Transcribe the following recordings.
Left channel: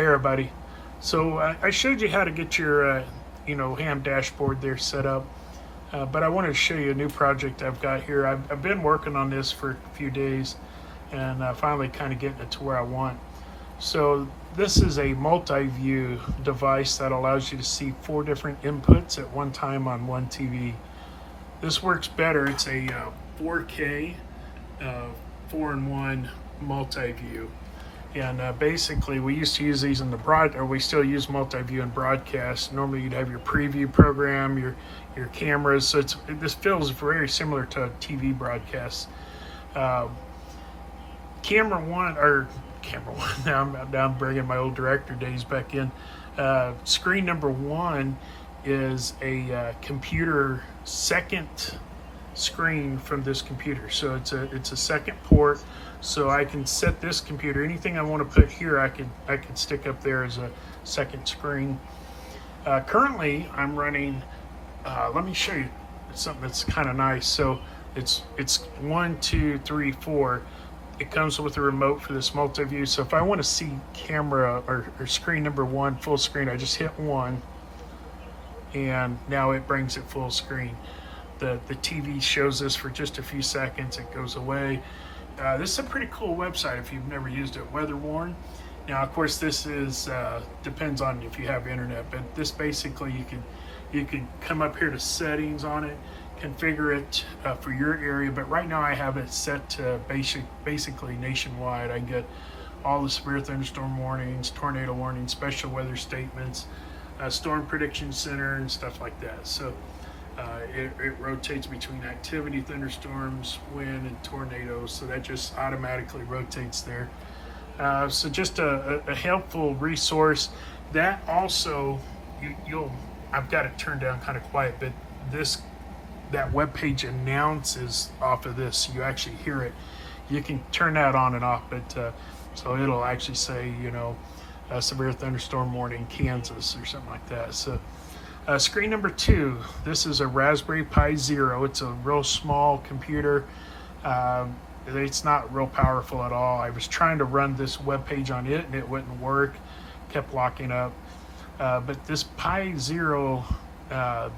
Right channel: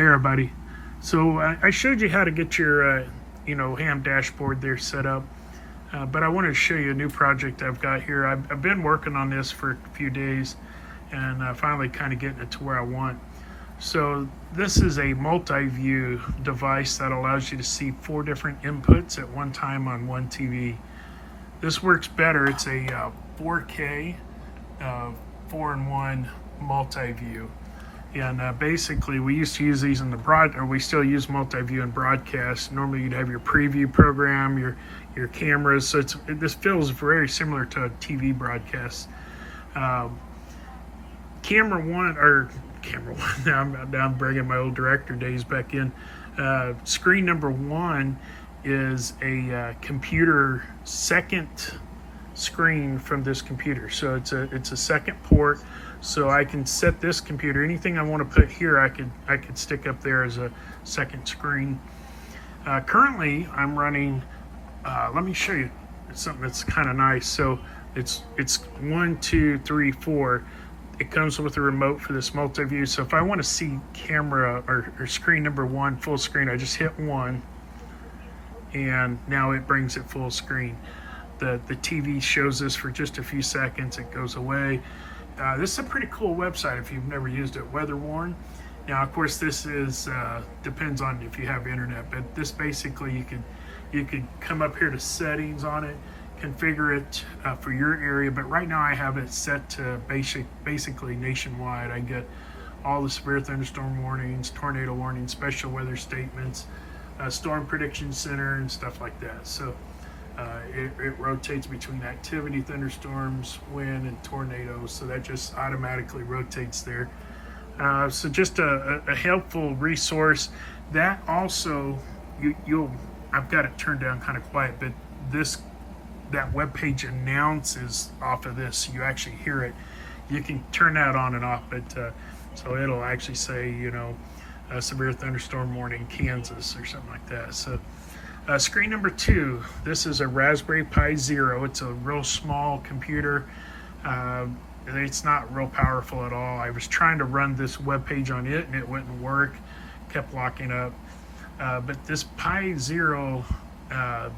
Hey everybody. So I showed you how to get your ham dashboard there set up, but I wanted to show you a new project I've got here. I've been working on this for a few days and finally kind of getting it to where I want. So this is a multi-view device that allows you to see 4 different inputs at one time on one TV. This works better. It's a 4K 4-in-1 multi-view. And basically, we used to use these in the we still use multi-view in broadcast. Normally, you'd have your preview program, your cameras. So this feels very similar to a TV broadcast. Camera one. Now I'm bringing my old director days back in. Screen number 1 is a computer second screen from this computer. So it's a second port. So I can set this computer, anything I want to put here, I could stick up there as a second screen. Currently, I'm running. Let me show you something that's kind of nice. So it's 1, 2, 3, 4. It comes with a remote for this multi-view. So if I want to see camera or screen number 1 full screen, I just hit 1, and now it brings it full screen. The TV shows this for just a few seconds. It goes away. This is a pretty cool website if you've never used it, Weatherworn. Now, of course, this is depends on if you have internet, but this basically you could come up here to settings on it, configure it for your area. But right now I have it set to basically nationwide. I get all the severe thunderstorm warnings, tornado warnings, special weather statements, storm prediction center, and stuff like that. So it rotates between activity, thunderstorms, wind, and tornadoes. So that just automatically rotates there. So just a helpful resource. That also, I've got it turned down kind of quiet, but that web page announces off of this. So you actually hear it. You can turn that on and off, but so it'll actually say, severe thunderstorm warning, Kansas, or something like that. So. Screen number 2, this is a Raspberry Pi Zero. It's a real small computer. It's not real powerful at all. I was trying to run this web page on it and it wouldn't work, kept locking up. But this Pi Zero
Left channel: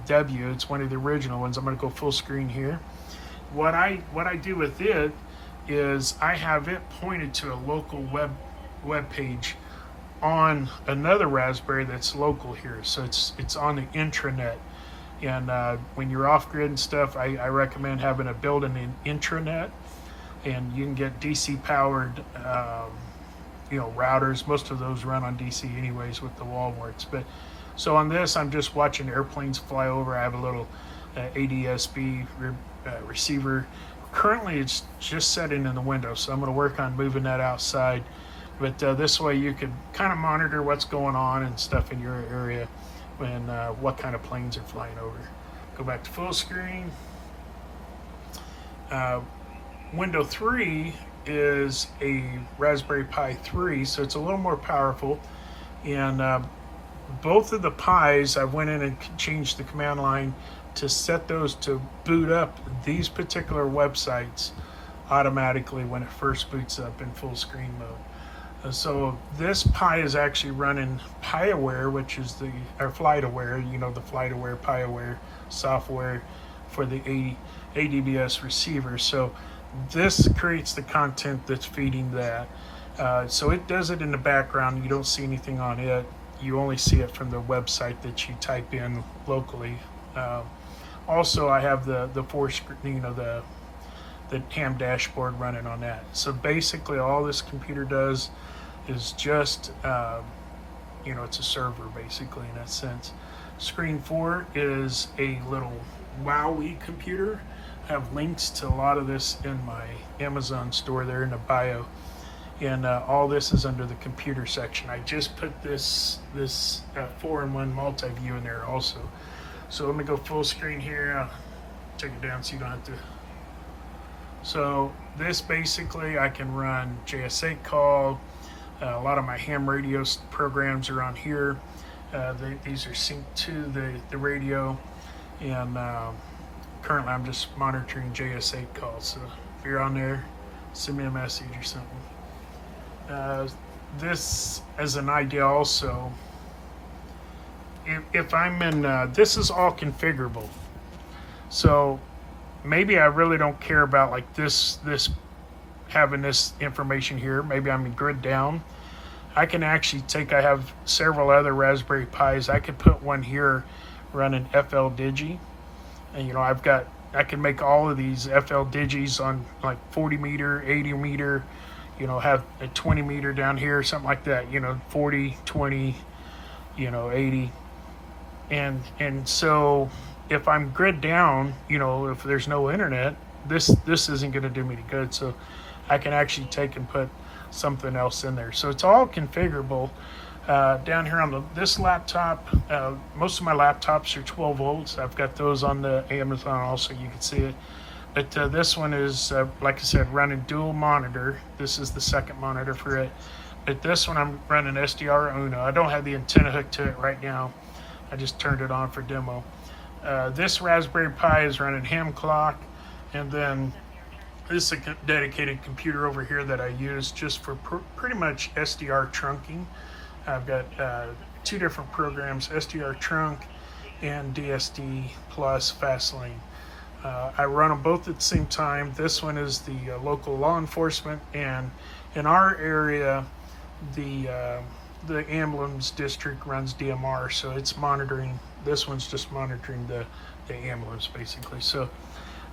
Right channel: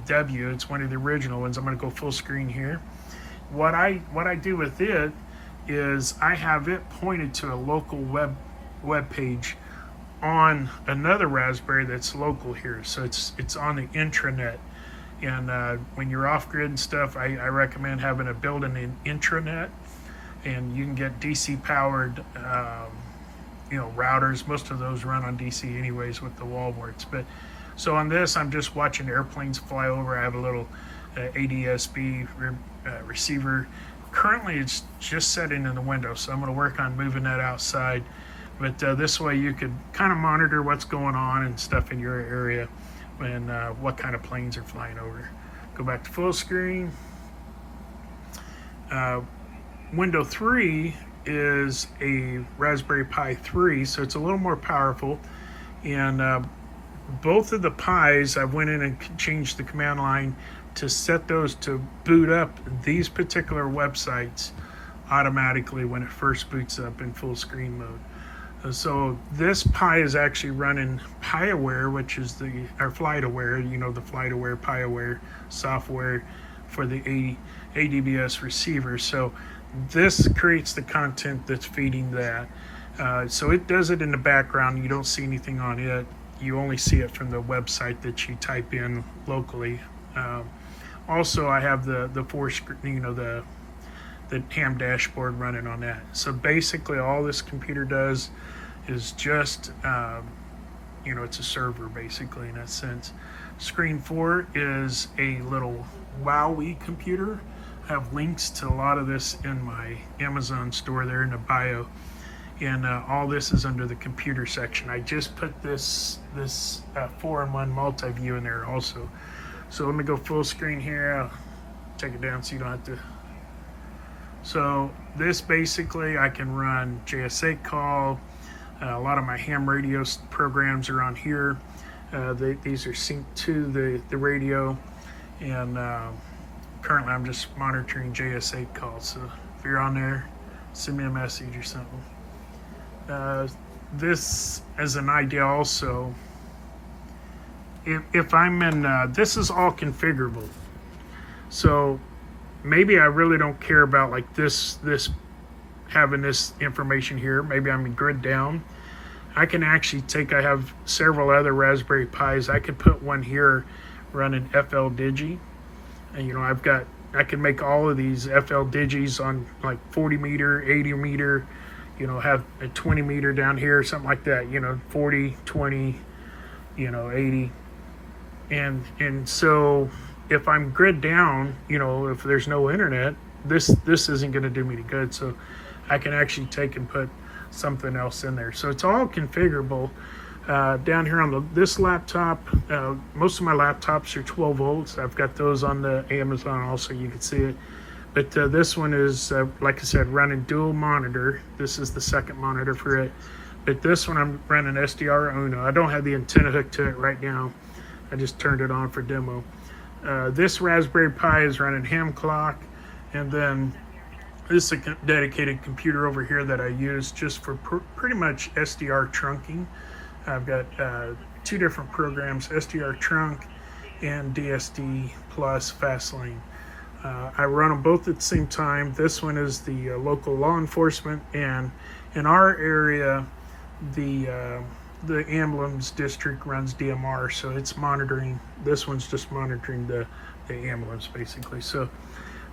W, it's one of the original ones. I'm going to go full screen here. What I do with it is I have it pointed to a local web page on another Raspberry that's local here. So it's on the intranet. And when you're off grid and stuff, I recommend having a built-in intranet. And you can get DC powered routers. Most of those run on DC anyways with the wall works. But so on this, I'm just watching airplanes fly over. I have a little ADSB receiver. Currently it's just setting in the window, so I'm going to work on moving that outside. But this way you could kind of monitor what's going on and stuff in your area and what kind of planes are flying over. Go back to full screen. Window 3 is a Raspberry Pi 3, so it's a little more powerful. And both of the Pis, I went in and changed the command line to set those to boot up these particular websites automatically when it first boots up in full screen mode. So this Pi is actually running PiAware, which is the FlightAware, the FlightAware, PiAware software for the ADBS receiver. So this creates the content that's feeding that. So it does it in the background. You don't see anything on it. You only see it from the website that you type in locally. Also, I have the ham dashboard running on that. So basically, all this computer does is just, it's a server basically in that sense. Screen 4 is a little WowE computer. I have links to a lot of this in my Amazon store there in the bio. And all this is under the computer section. I just put this 4-in-1 multi-view in there also. So let me go full screen here. I'll take it down so you don't have to. So this basically, I can run JS8 call. A lot of my ham radio programs are on here. These are synced to the radio. And currently I'm just monitoring JS8 calls. So if you're on there, send me a message or something. this as an idea also. If I'm in, this is all configurable. So maybe I really don't care about like this having this information here. Maybe I'm in grid down. I can actually take, I have several other Raspberry Pis. I could put one here running FL Digi. And you know, I can make all of these FL Digis on like 40 meter, 80 meter, you know, have a 20 meter down here, something like that, you know, 40, 20, you know, 80. And so if I'm grid down, you know, if there's no internet, this isn't going to do me any good. So I can actually take and put something else in there. So it's all configurable. Down here on this laptop, most of my laptops are 12 volts. I've got those on the Amazon also, you can see it. But this one is, like I said, running dual monitor. This is the second monitor for it. But this one I'm running SDR Uno. I don't have the antenna hooked to it right now. I just turned it on for demo. This Raspberry Pi is running ham clock. And then this is a dedicated computer over here that I use just for pretty much SDR trunking. I've got two different programs, SDR trunk and DSD plus Fastlane. I run them both at the same time. This one is the local law enforcement, and in our area, the ambulance district runs DMR, so it's monitoring. This one's just monitoring the ambulance basically. So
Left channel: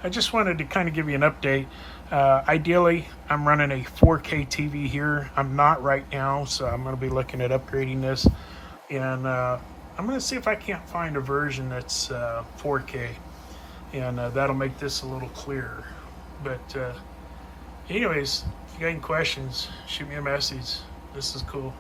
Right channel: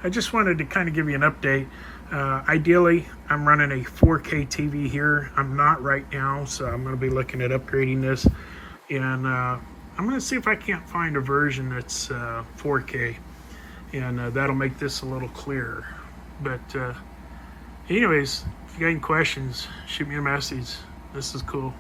I just wanted to kind of give you an update. Ideally, I'm running a 4K TV here. I'm not right now, so I'm going to be looking at upgrading this. And I'm going to see if I can't find a version that's 4K. And that'll make this a little clearer. But anyways, if you got any questions, shoot me a message. This is cool.